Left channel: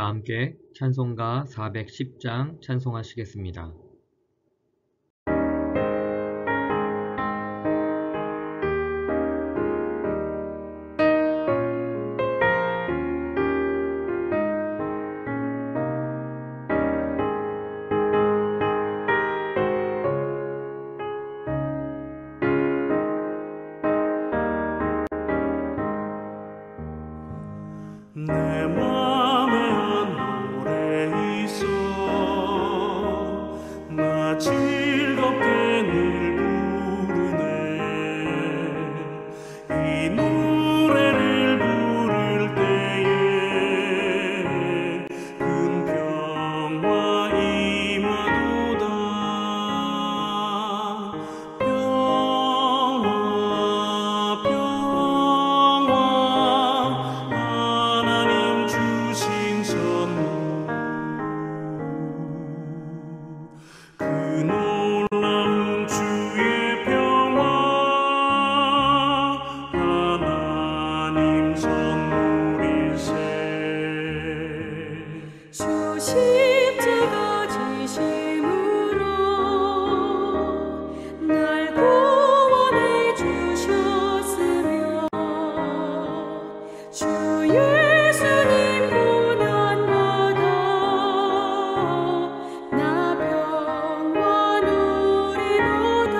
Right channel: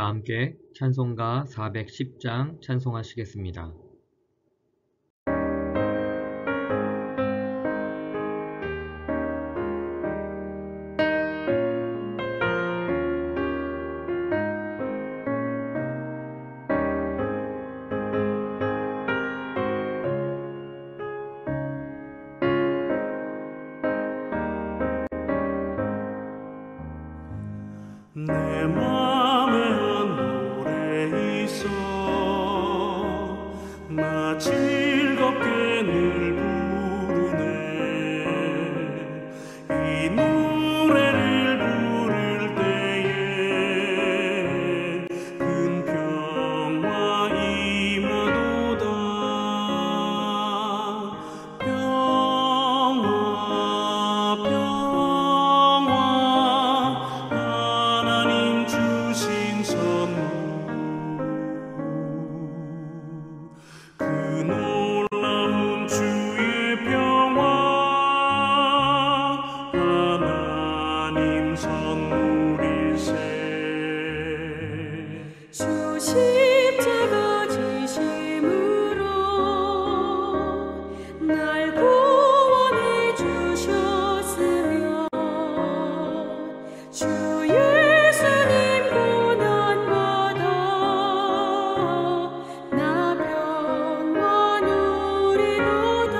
다 함께 찬송가 410장 찬송하시겠습니다. 내 맘에 한 노래 있어 나 즐겁게 늘 부르네 이 노래를 부를 때에 큰 평화 임하도다 평화 평화 하나님 주신 선물 그 놀라운 주의 평화 하나님 선물일세 주 십자가 지심으로 날 구원해 주셨으며 주 예수님 고난받아 나 평화 누리도다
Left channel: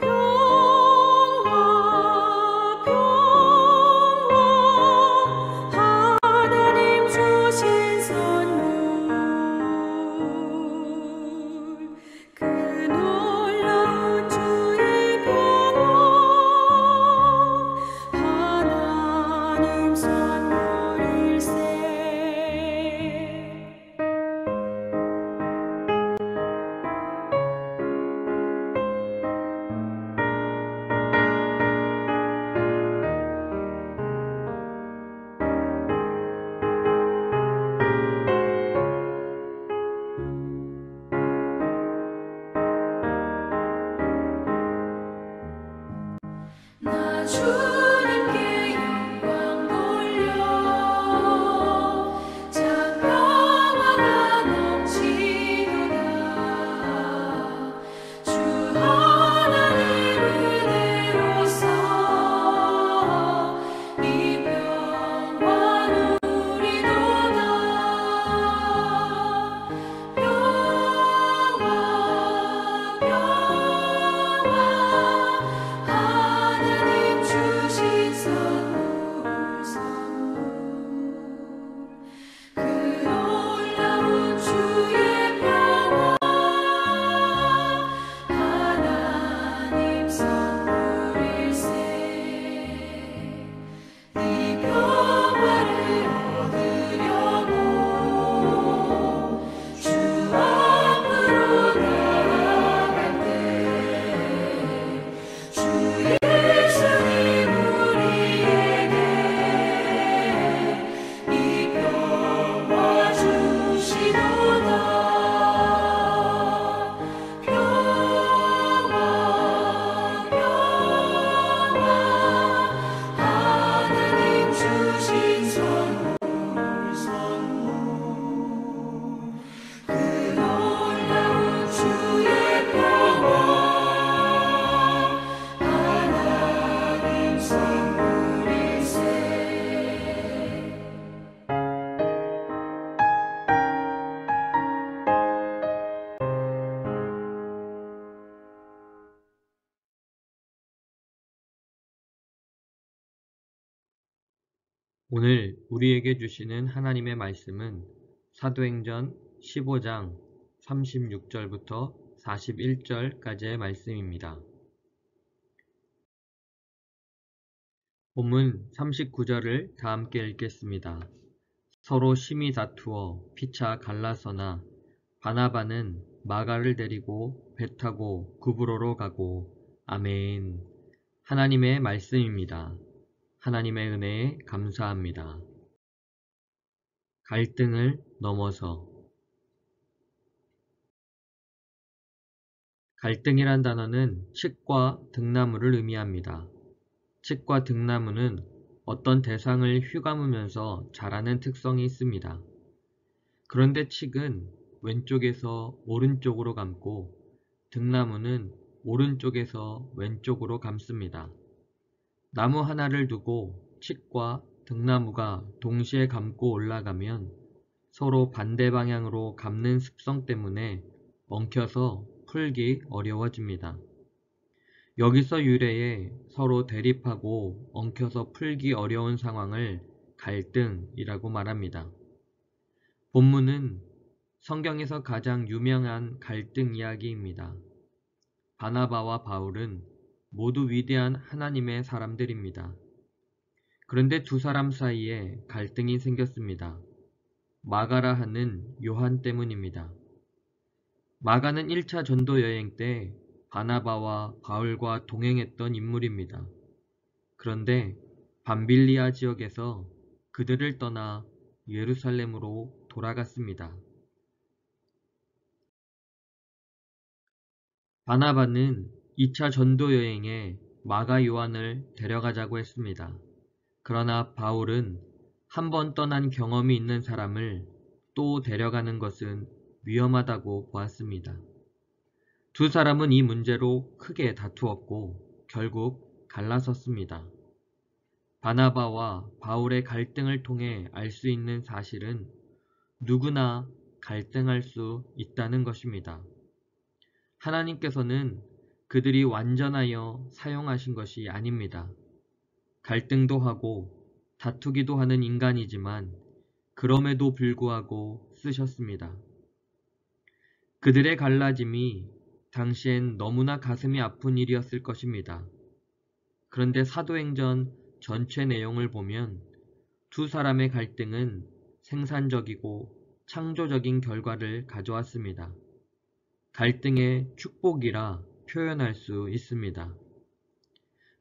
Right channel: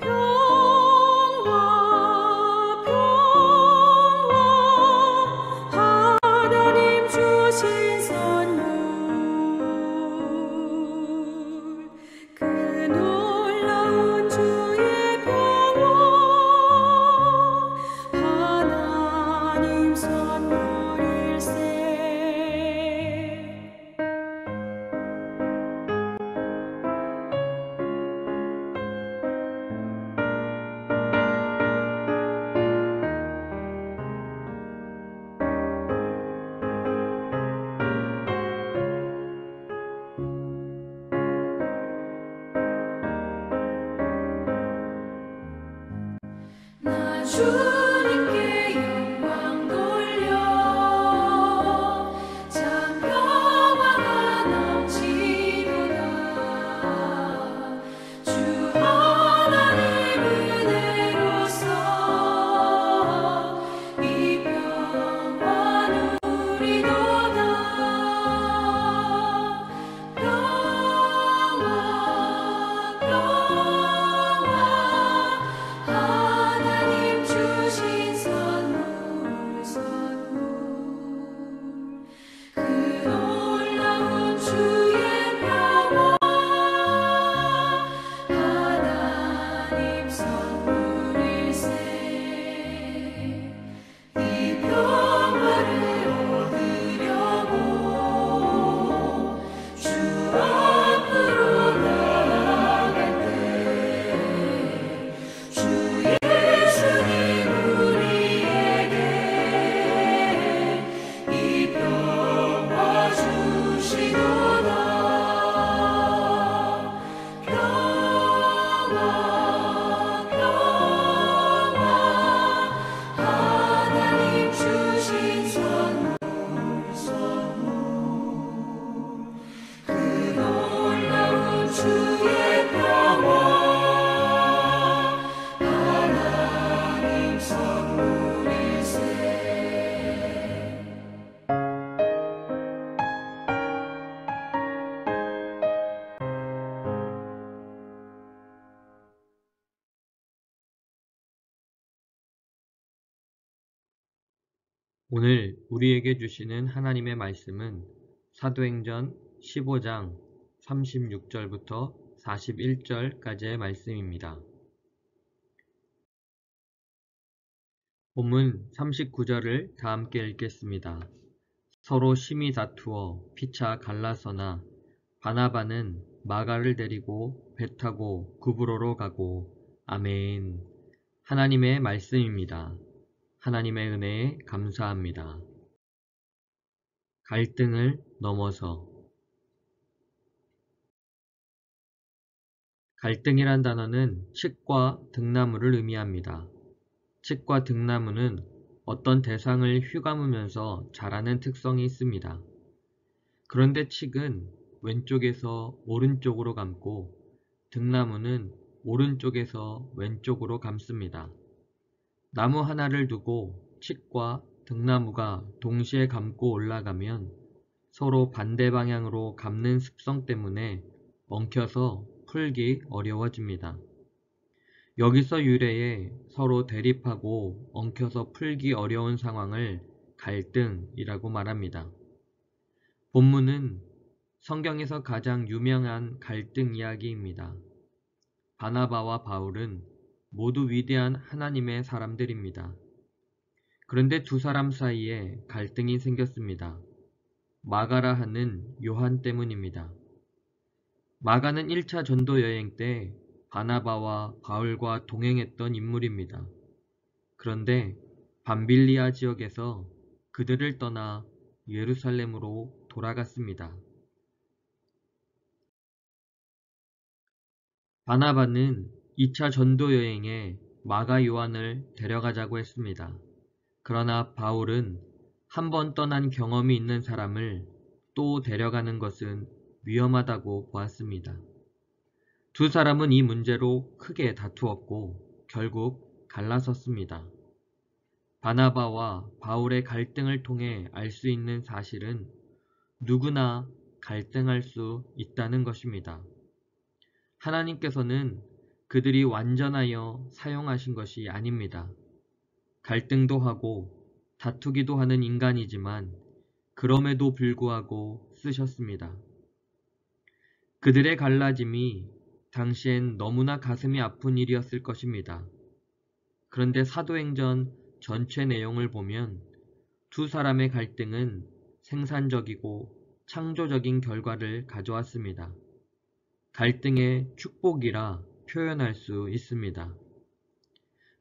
평화 평화 하나님 주신 선물 그 놀라운 주의 평화 하나님 선물일세 나 주님께 영광 돌려 자 평화가 넘치도다 주 하나님 은혜로서 이 평화 누리도다 평화 평화 하나님 주신 선물 그 놀라운 주의 평화 하나님 선물일세 이 평화를 얻으려고 주 앞으로 나아갈 때 주 예수님 우리에게 이 평화 주시도다 평화 평화 하나님 주신 선물 그 놀라운 주의 평화 하나님 선물일세 오늘 우리에게 주시는 하나님의 말씀은 사도행전 15장 36절부터 41절까지의 말씀입니다. 본문 39절을 다 함께 읽겠습니다. 서로 심히 다투어 피차 갈라서나 바나바는 마가를 데리고 배 타고 구브로로 가고 아멘. 하나님의 말씀입니다. 하나님의 은혜에 감사합니다. 갈등을 넘어서 갈등이란 단어는 칡과 등나무를 의미합니다. 칡과 등나무는 어떤 대상을 휘감으면서 자라는 특성이 있습니다. 그런데 칡은 왼쪽에서 오른쪽으로 감고 등나무는 오른쪽에서 왼쪽으로 감습니다. 나무 하나를 두고 칡과 등나무가 동시에 감고 올라가면 서로 반대 방향으로 감는 습성 때문에 엉켜서 풀기 어려워집니다. 여기서 유래해 서로 대립하고 엉켜서 풀기 어려운 상황을 갈등이라고 말합니다. 본문은 성경에서 가장 유명한 갈등 이야기입니다. 바나바와 바울은 모두 위대한 하나님의 사람들입니다. 그런데 두 사람 사이에 갈등이 생겼습니다. 마가라 하는 요한 때문입니다. 마가는 1차 전도 여행 때 바나바와 바울과 동행했던 인물입니다. 그런데 밤빌리아 지역에서 그들을 떠나 예루살렘으로 돌아갔습니다. 바나바는 2차 전도 여행에 마가 요한을 데려가자고 했습니다. 그러나 바울은 한 번 떠난 경험이 있는 사람을 또 데려가는 것은 위험하다고 보았습니다. 두 사람은 이 문제로 크게 다투었고 결국 갈라섰습니다. 바나바와 바울의 갈등을 통해 알 수 있는 사실은 누구나 갈등할 수 있다는 것입니다. 하나님께서는 그들이 완전하여 사용하신 것이 아닙니다. 갈등도 하고 다투기도 하는 인간이지만 그럼에도 불구하고 쓰셨습니다. 그들의 갈라짐이 당시엔 너무나 가슴이 아픈 일이었을 것입니다. 그런데 사도행전 전체 내용을 보면 두 사람의 갈등은 생산적이고 창조적인 결과를 가져왔습니다. 갈등의 축복이라 표현할 수 있습니다.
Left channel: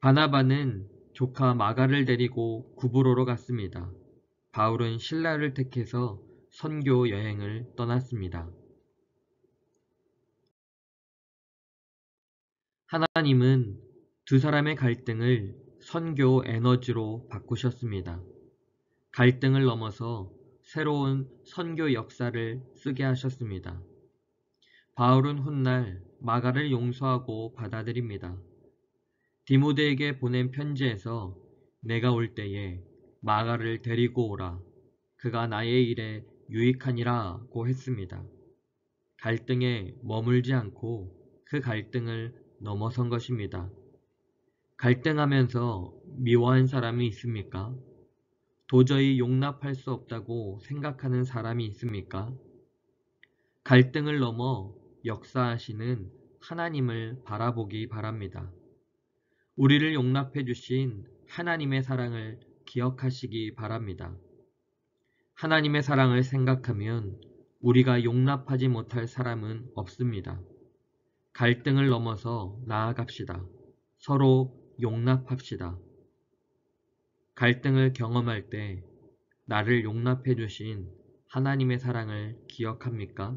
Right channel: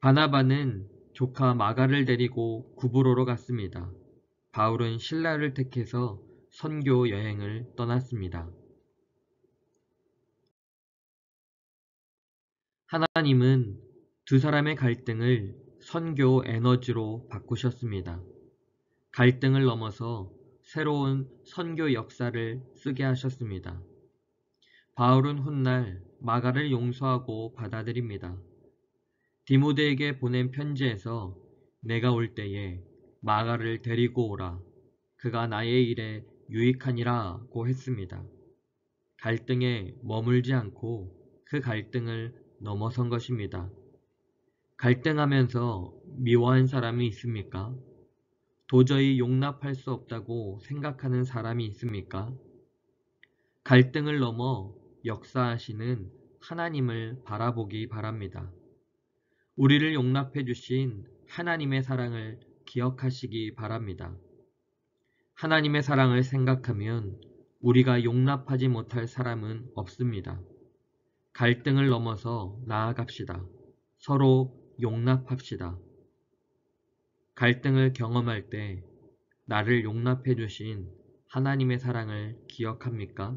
바나바는 조카 마가를 데리고 구브로로 갔습니다. 바울은 실라를 택해서 선교 여행을 떠났습니다. 하나님은 두 사람의 갈등을 선교 에너지로 바꾸셨습니다. 갈등을 넘어서 새로운 선교 역사를 쓰게 하셨습니다. 바울은 훗날 마가를 용서하고 받아들입니다. 디모데에게 보낸 편지에서 내가 올 때에 마가를 데리고 오라. 그가 나의 일에 유익하니라고 했습니다. 갈등에 머물지 않고 그 갈등을 넘어선 것입니다. 갈등하면서 미워한 사람이 있습니까? 도저히 용납할 수 없다고 생각하는 사람이 있습니까? 갈등을 넘어 역사하시는 하나님을 바라보기 바랍니다. 우리를 용납해 주신 하나님의 사랑을 기억하시기 바랍니다. 하나님의 사랑을 생각하면 우리가 용납하지 못할 사람은 없습니다. 갈등을 넘어서 나아갑시다. 서로 용납합시다. 갈등을 경험할 때 나를 용납해 주신 하나님의 사랑을 기억합니까?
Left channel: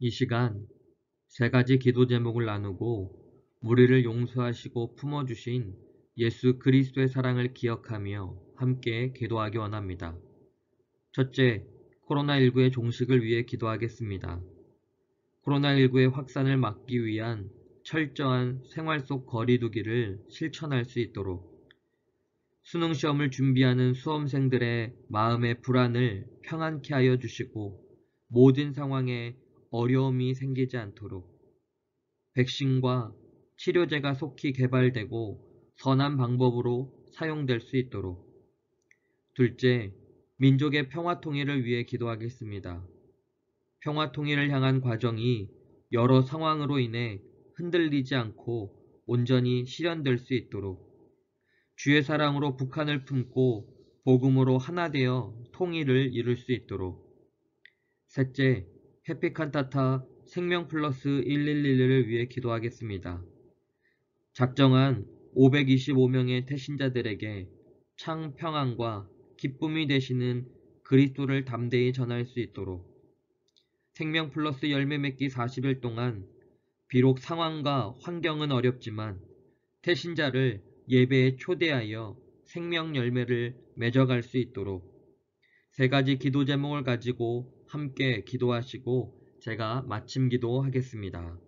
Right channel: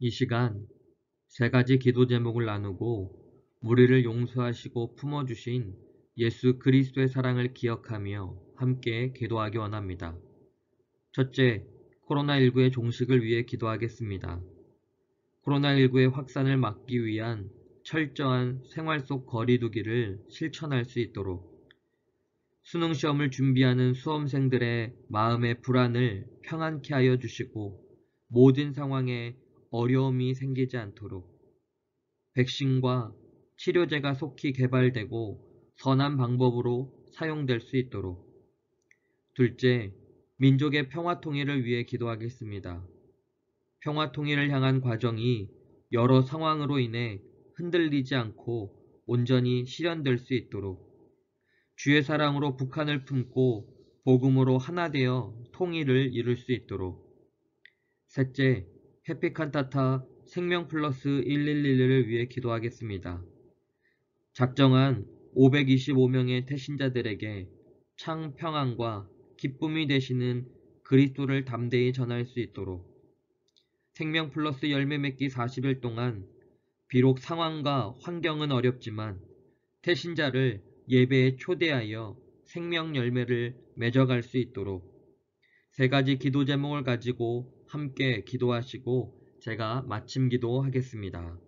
이 시간 세 가지 기도 제목을 나누고 우리를 용서하시고 품어주신 예수 그리스도의 사랑을 기억하며 함께 기도하기 원합니다. 첫째, 코로나19의 종식을 위해 기도하겠습니다. 코로나19의 확산을 막기 위한 철저한 생활 속 거리 두기를 실천할 수 있도록 수능시험을 준비하는 수험생들의 마음의 불안을 평안케 하여 주시고 모든 상황에 어려움이 생기지 않도록 백신과 치료제가 속히 개발되고 선한 방법으로 사용될 수 있도록 둘째, 민족의 평화통일을 위해 기도하겠습니다. 평화통일을 향한 과정이 여러 상황으로 인해 흔들리지 않고 온전히 실현될 수 있도록 주의 사랑으로 북한을 품고 복음으로 하나 되어 통일을 이룰 수 있도록 셋째, 해피칸타타 생명플러스 111을 위해 기도하겠습니다. 작정한 525명의 태신자들에게 창평안과 기쁨이 되시는 그리스도를 담대히 전할 수 있도록 생명플러스 열매 맺기 40일 동안 비록 상황과 환경은 어렵지만 태신자를 예배에 초대하여 생명 열매를 맺어갈 수 있도록 세 가지 기도 제목을 가지고 함께 기도하시고 제가 마침 기도하겠습니다.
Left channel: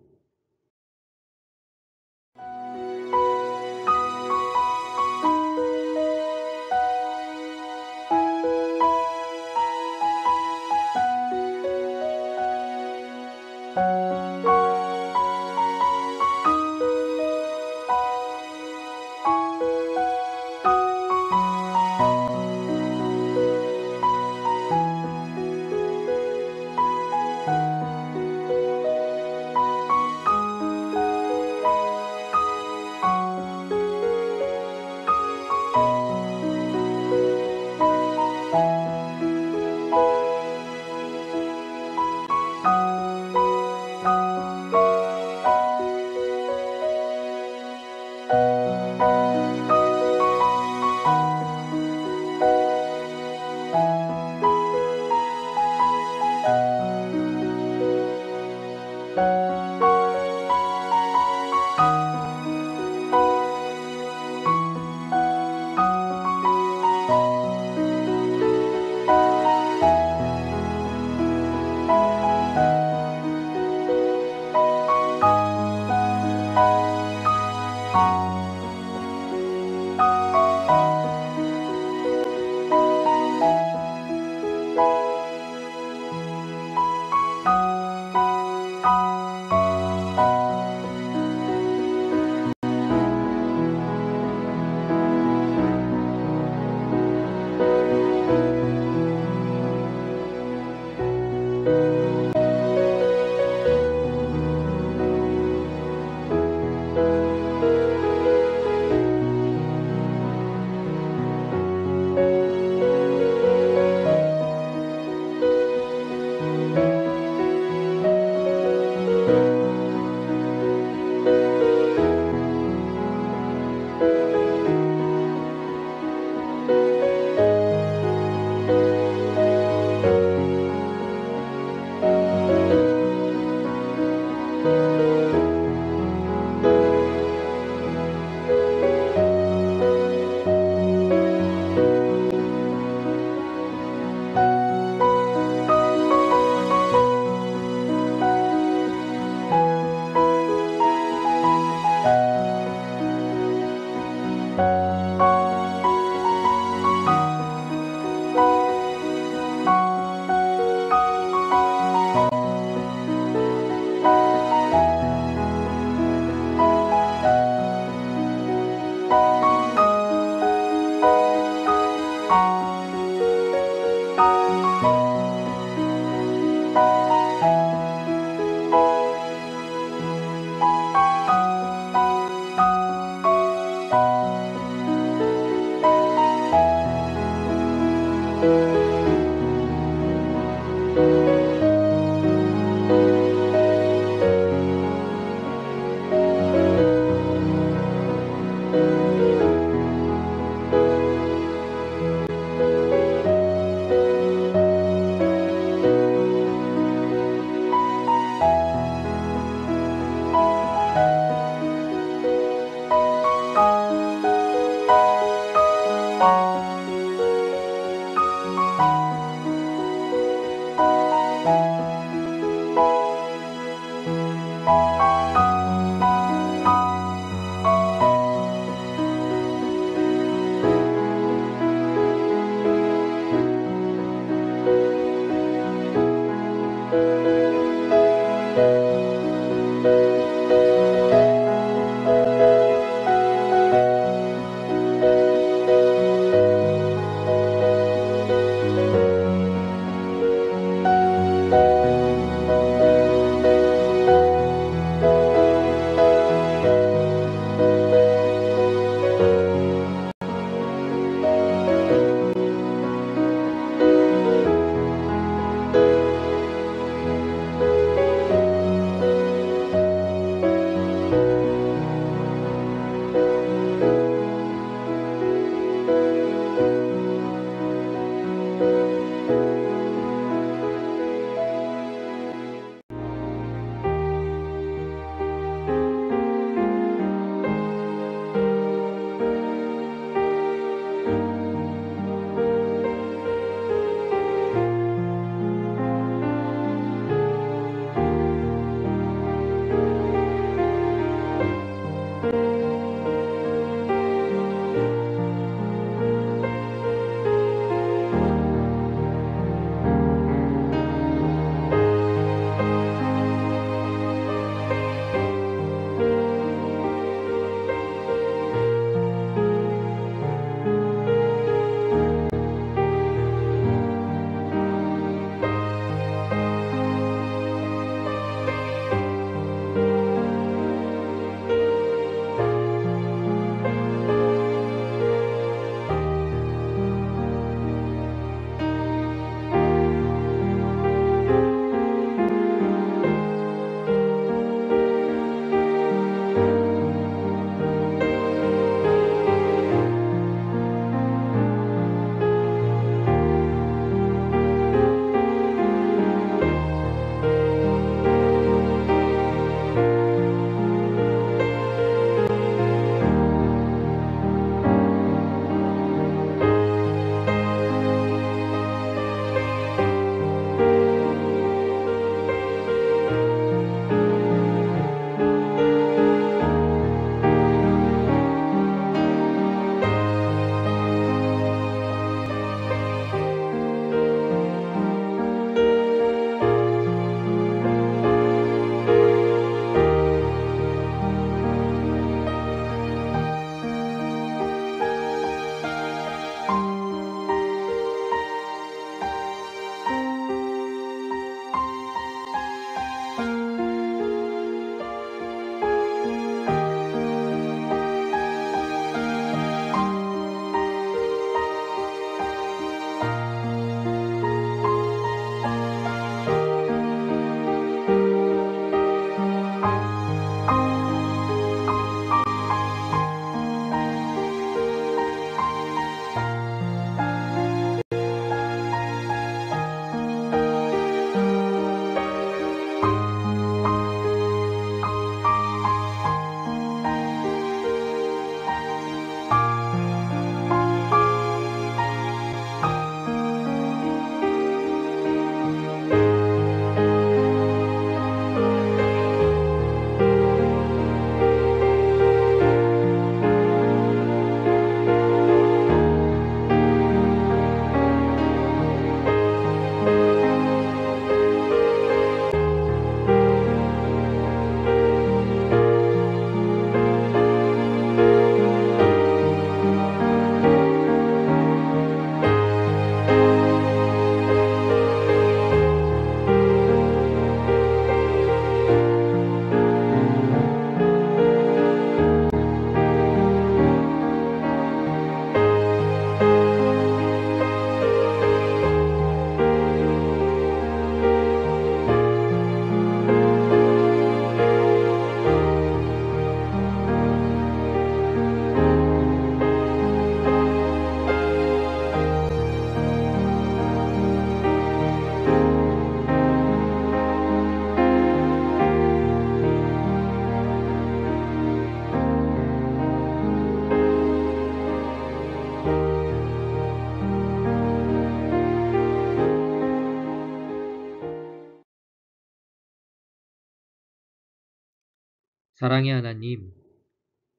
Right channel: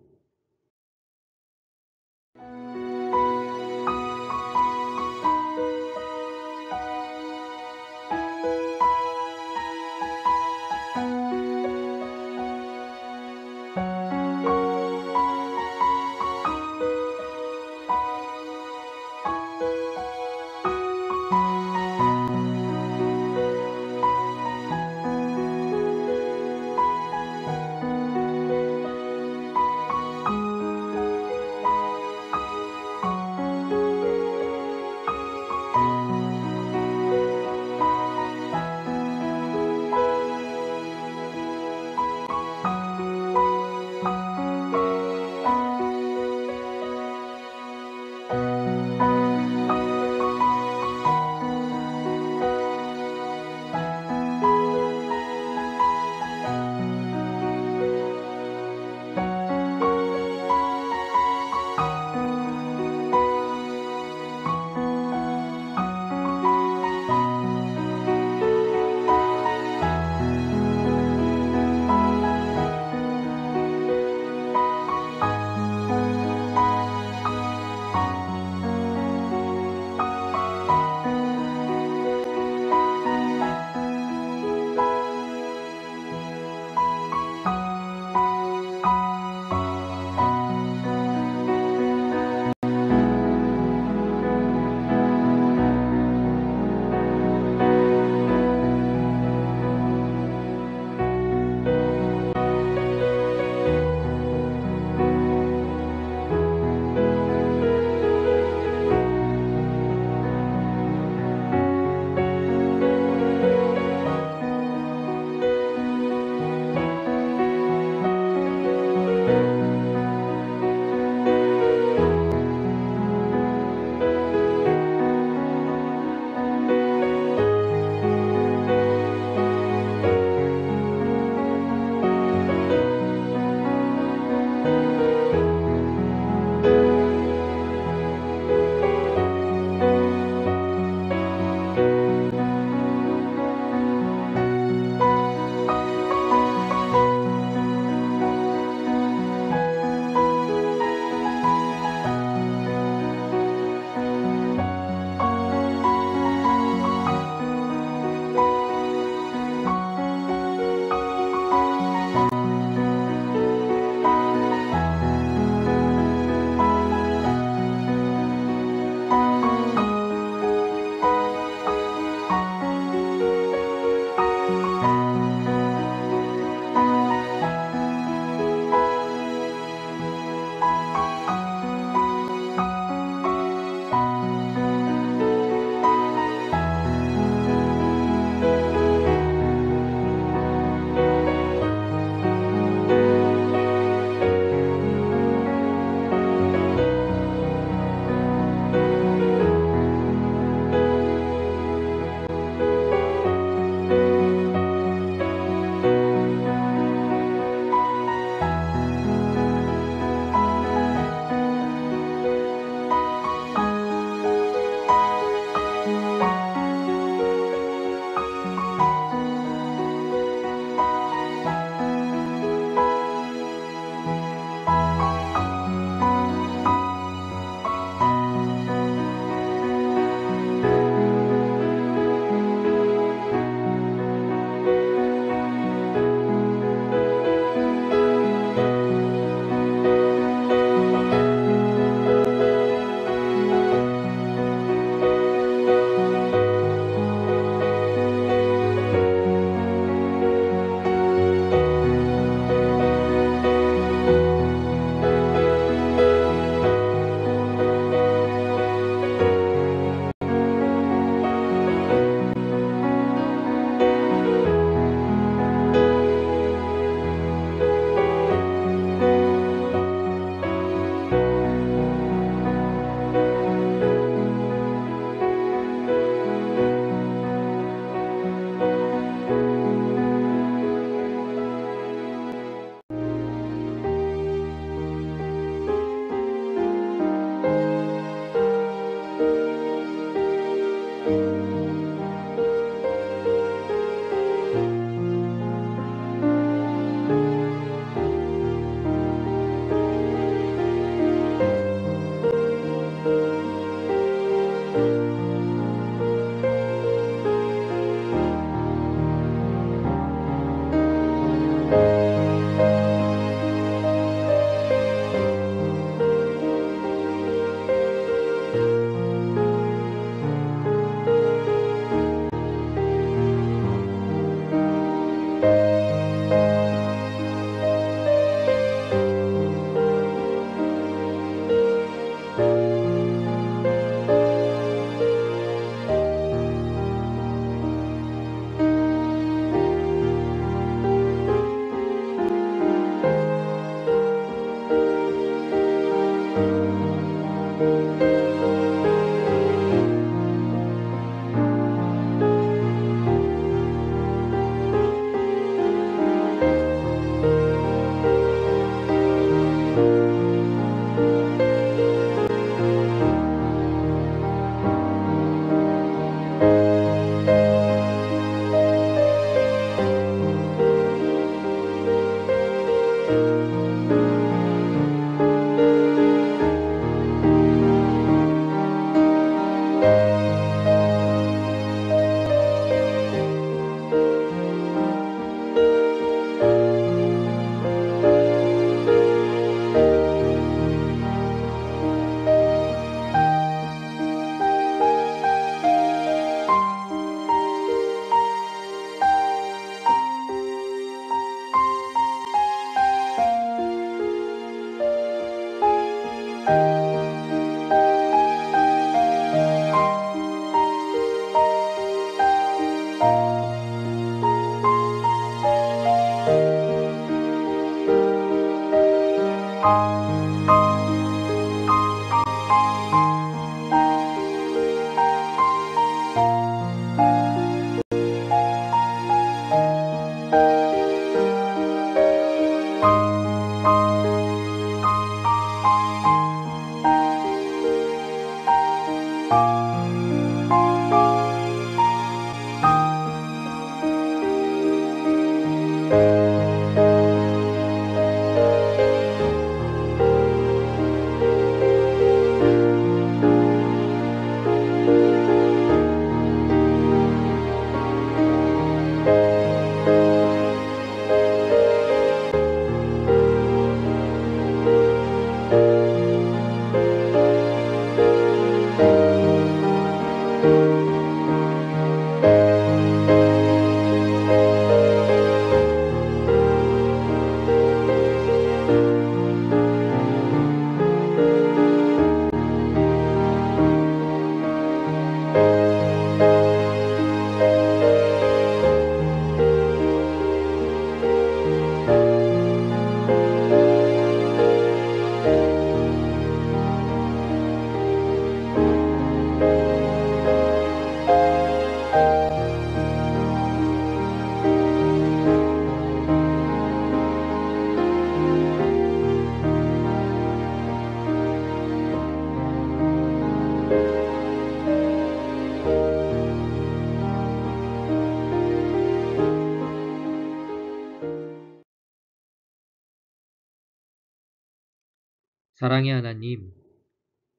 사랑의 하나님,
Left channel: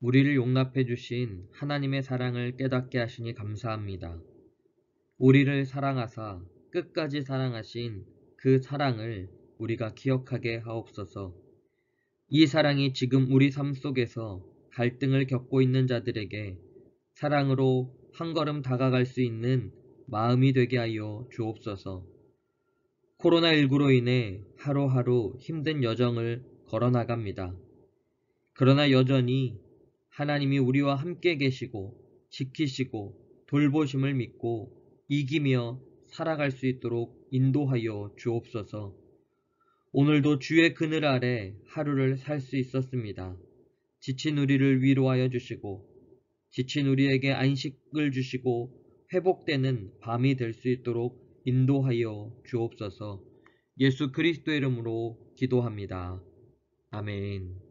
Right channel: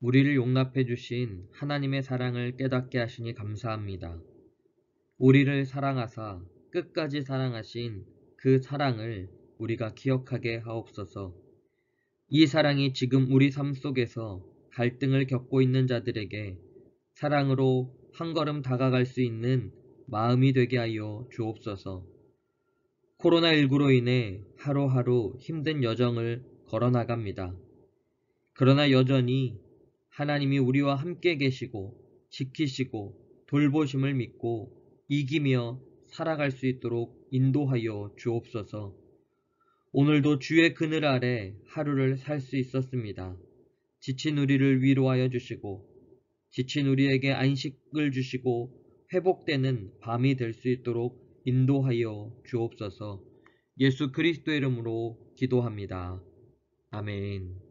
우리를 용납해 주신 하나님의 사랑을 깨닫게 하시니 감사합니다. 우리를 사랑하사 끝까지 사랑하신 그 사랑을 우리가 기억하게 하옵소서. 이 사랑이 지금 우리 삶 속에서 갈등을 겪고 있는 자들에게 사랑으로 한 걸음 다가갈 수 있는 마음이 되게 하여 주옵소서. 코로나19로 인해 하루하루 힘든 여정을 걸어나갑니다. 그러나 여전히 하나님이 우리와 함께 계시고 지키시고 돌보심을 믿고 이기며 살아갈 수 있도록 인도하여 주옵소서. 오늘도 주의 그늘 아래 하루를 살 수 있었습니다. 지친 우리를 위로하여 주시고 지친 우리에게 안식을 주시고 회복되는 밤이 될 수 있도록 인도하여 주옵소서. 예수 그리스도의 이름으로 기도합니다. 아멘.